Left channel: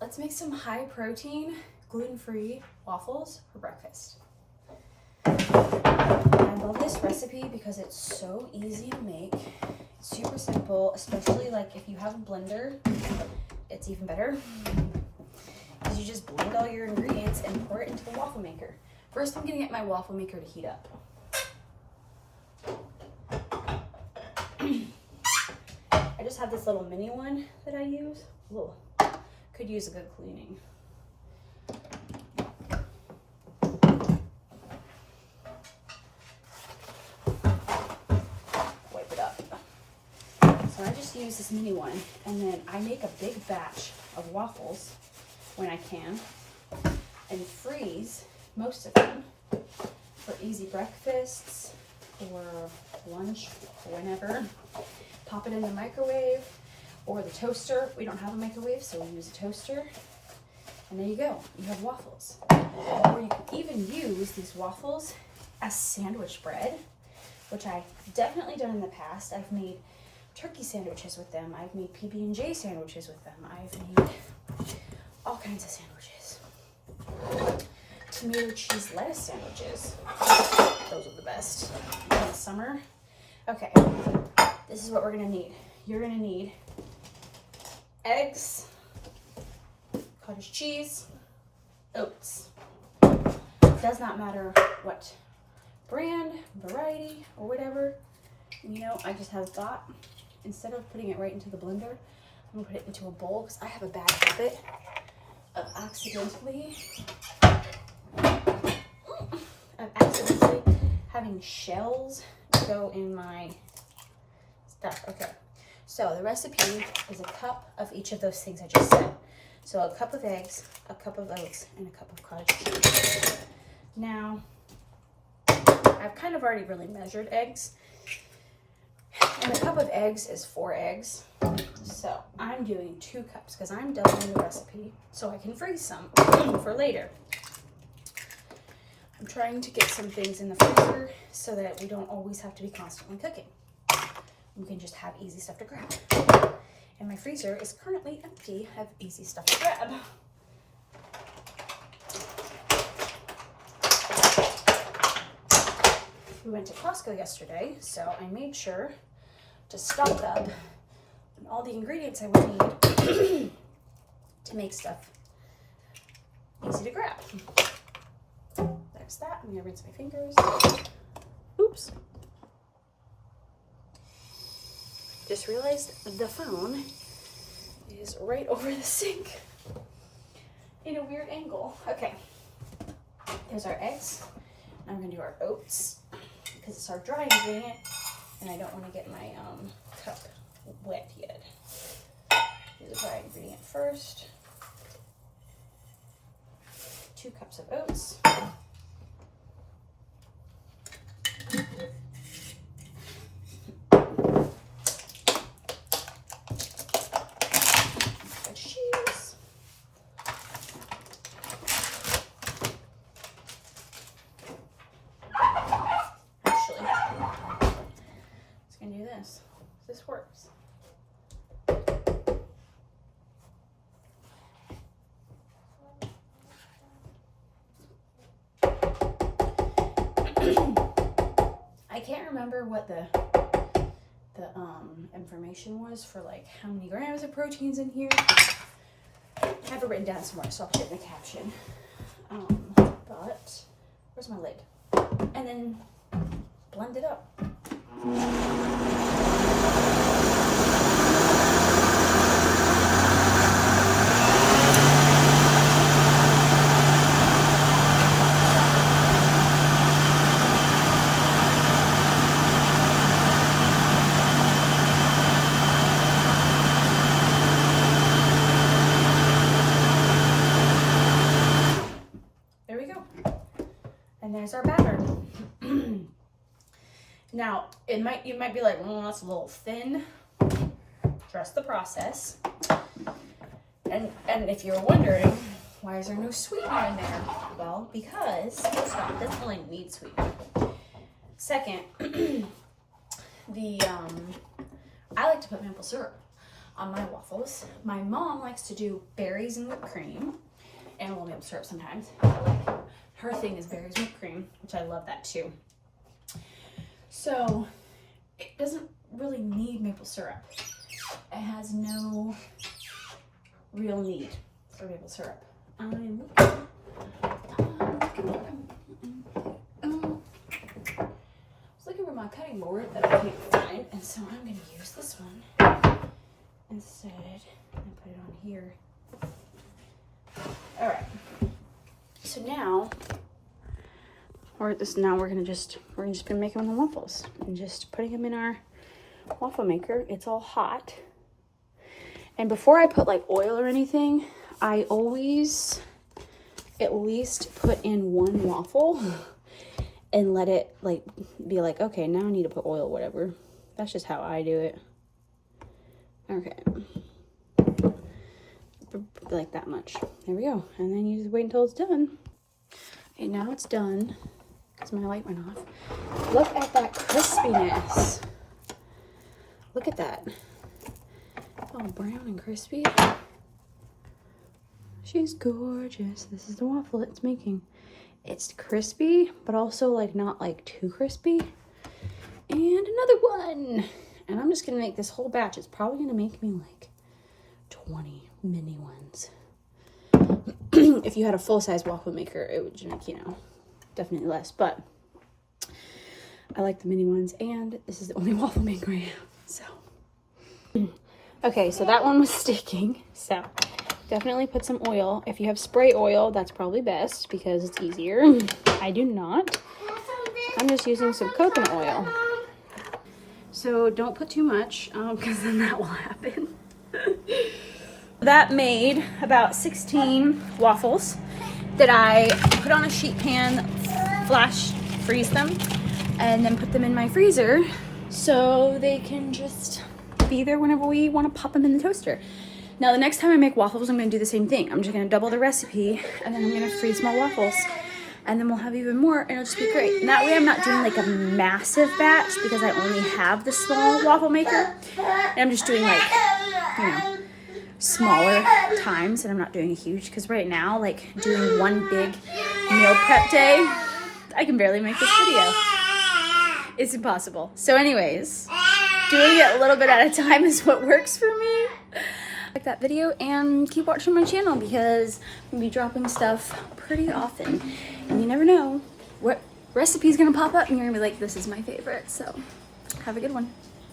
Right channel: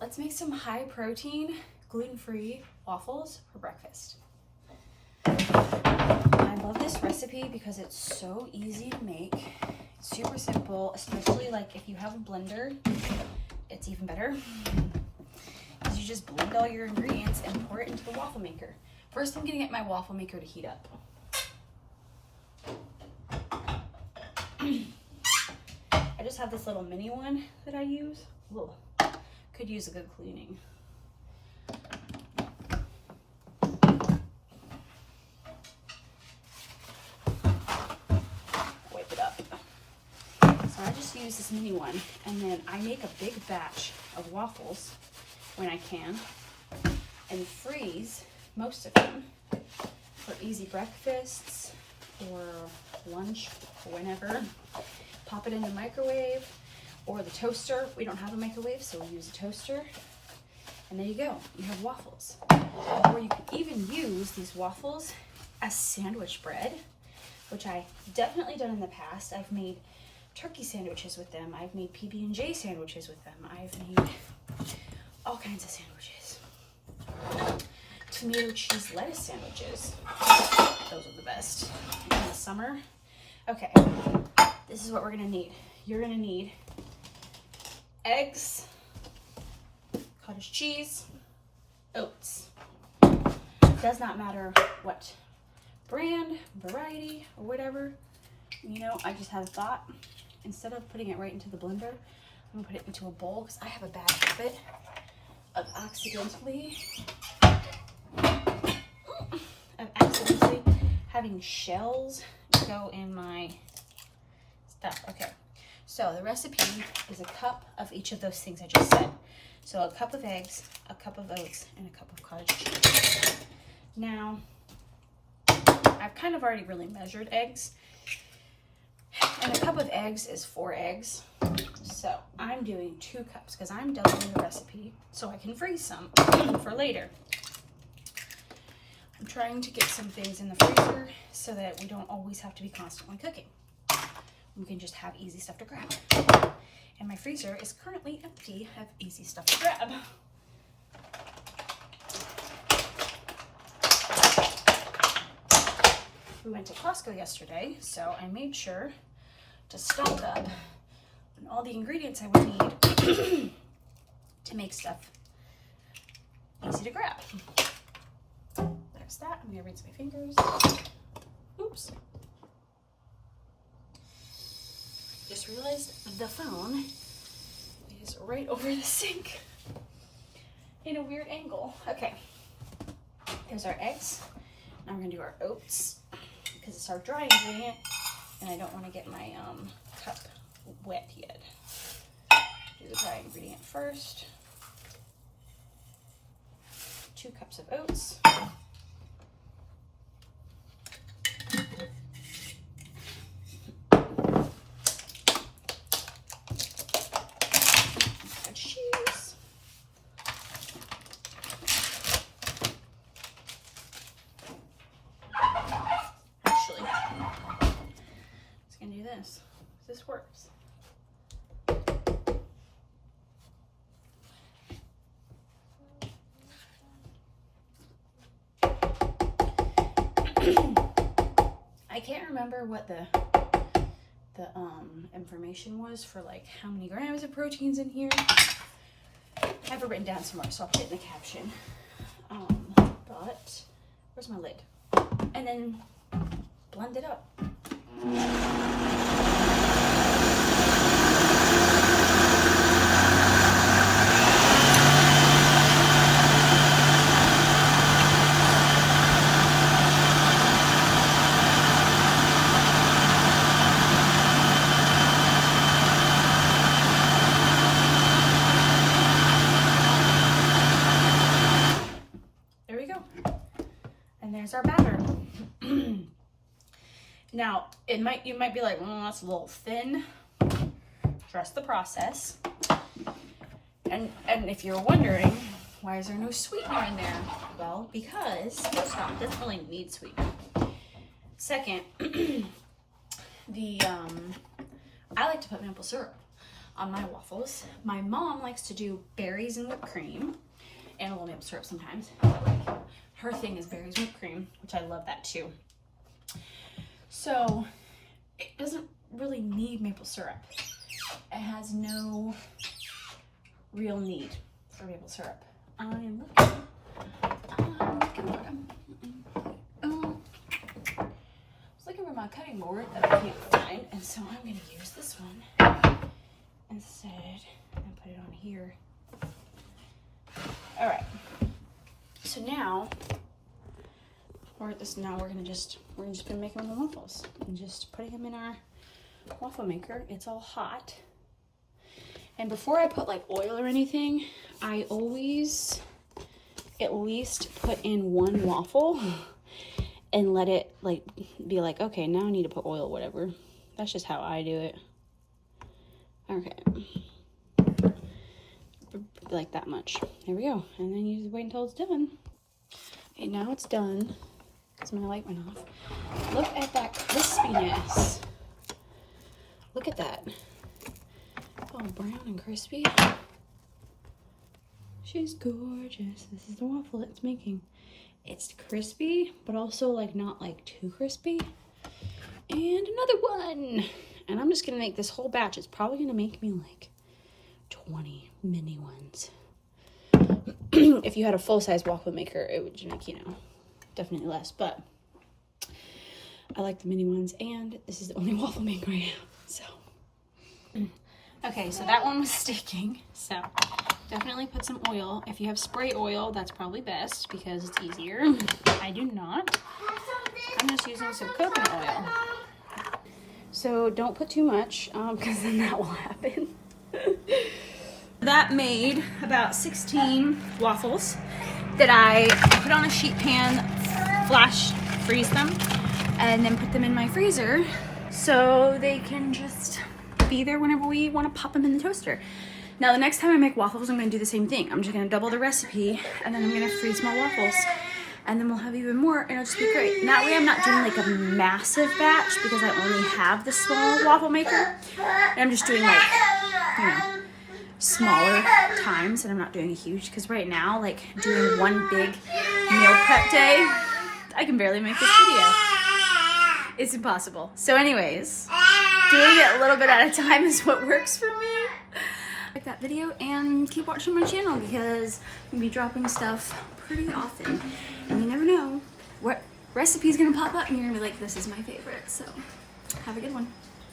let's make some high protein, gluten-free waffles for breakfast. I love this recipe because it's so easy to make. It's super simple, especially like if you have a blender, it's even better. Because you just blend all your ingredients and pour it into the waffle maker. First, I'm gonna get my waffle maker to heat up. I just have this little mini one that I use. Whoa, could use a good cleaning. Wipe it up. So I just use this mini one, and then I make a big batch of waffles when I can, and freeze most of them for easy breakfasts or lunch, whenever. Pop it in the microwave or the toaster. We don't have a microwave, so we use a toaster. And there you go, you have waffles. Or you can even use these waffles as sandwich bread, which I've definitely done in the past. I've made turkey sandwiches with them. I've made PB&J sandwiches with them. I've made all kinds of sandwiches. Tomato cheese lettuce sandwiches. Those are the best in the summer. Okay, this is what we're gonna need. You're gonna need eggs, cottage cheese, oats. Does not matter what brand, variety, or whatever. You know, I just had a thought. Instead of putting it right into the blender, I'm gonna put it into a bowl because I have a bad habit of accidentally having shells go in my stuff. Okay, so the recipe is a cup of each of those things I just said. So a cup of eggs, a cup of oats, and a cup of cottage cheese. Now, I've kind of already really measured eggs, and a cup of eggs is 4 eggs. So I'm doing 2 cups because I'm doubling the recipe so I can freeze some for later. I'm trying to get some things in the freezer so that we don't always have to be constantly cooking. We can just have easy stuff to grab. And my freezer is currently empty of easy stuff to grab. We went to Costco yesterday, so I made sure to stock up on all the ingredients I would need to make stuff easy to grab. There's that. I'm gonna rinse my fingers. Oops. Just realized the phone is right over the sink in a weird angle. Okay, here's our eggs. Now we're gonna do our oats because it's our dry ingredient and I don't want to get my cup wet yet. Do the dry ingredient first. 2 cups of oats. This works. I can't remember what the information was for like how many grams of protein's in here. I have it written down somewhere, so I'll put it in the caption. But where's my lid? And then blend it up. Our batter. Now, you might be like, well, that's a little thin. Trust the process. And if you're wondering, why is there no sweetener in there? Well, because first off, it doesn't really need sweetener. Second, I like to put maple syrup on my waffles. My mom likes to do berries and whipped cream and a little maple syrup sometimes. But like her thing is berries and whipped cream, which I love that too. So it doesn't really need maple syrup. It has no real need for maple syrup. I'm looking for my cutting board that I can't find, and so I'm going to use this one instead and put it on here. All right. So now we're just gonna make them the waffles and just putting them in our waffle maker. It's all hot. And before I put like oil or anything, I always at least put in one waffle and let it like be like, okay, now I need to put oil, whatever. That's just how I do it. Okay. Like that much. There we go. And then you just wait until it's done. Okay, now it's done. Because my light went off. Look at that crispiness. Look at that. All brown and crispy. She's gorgeous. This is the waffle it's making. It's crispy, but also like not like too crispy. And another one. And I'm just gonna make this whole batch. It's probably gonna make me like 20 mini ones. If you had a full-size waffle maker, it would make, you know, definitely less, but I like the mini ones, and this is the only waffle maker I have, so. Okay, so that one was sticking, so definitely put some oil. If you have spray oil, that's probably best because it's easier. I do not. I'm just using some coconut oil. So don't put too much, because then that will happen. That made about 16 waffles that I put on a sheet pan, flash freeze them, and then put them in my freezer so they can just be there whenever we want to pop them in the toaster. Now the next time I make waffles, I'm going to do the same thing. I'm just going to double the recipe, and then I'm going to freeze more waffles, and then we'll have even more, and it'll just be great. And that way I'm not doing like a massive batch because I only have the small waffle maker, and I'm just doing like, you know, smaller times, and I'm not doing a huge, because right now, like doing one big meal prep day, I can barely make this video. It's impossible. So anyways, doing it a little bit at a time is what works for me. Like that video and keep watching my channel because I'm gonna be dropping stuff pretty often, and you never know what recipe's gonna pop up and you're gonna be like, this is my favorite. So have a good one.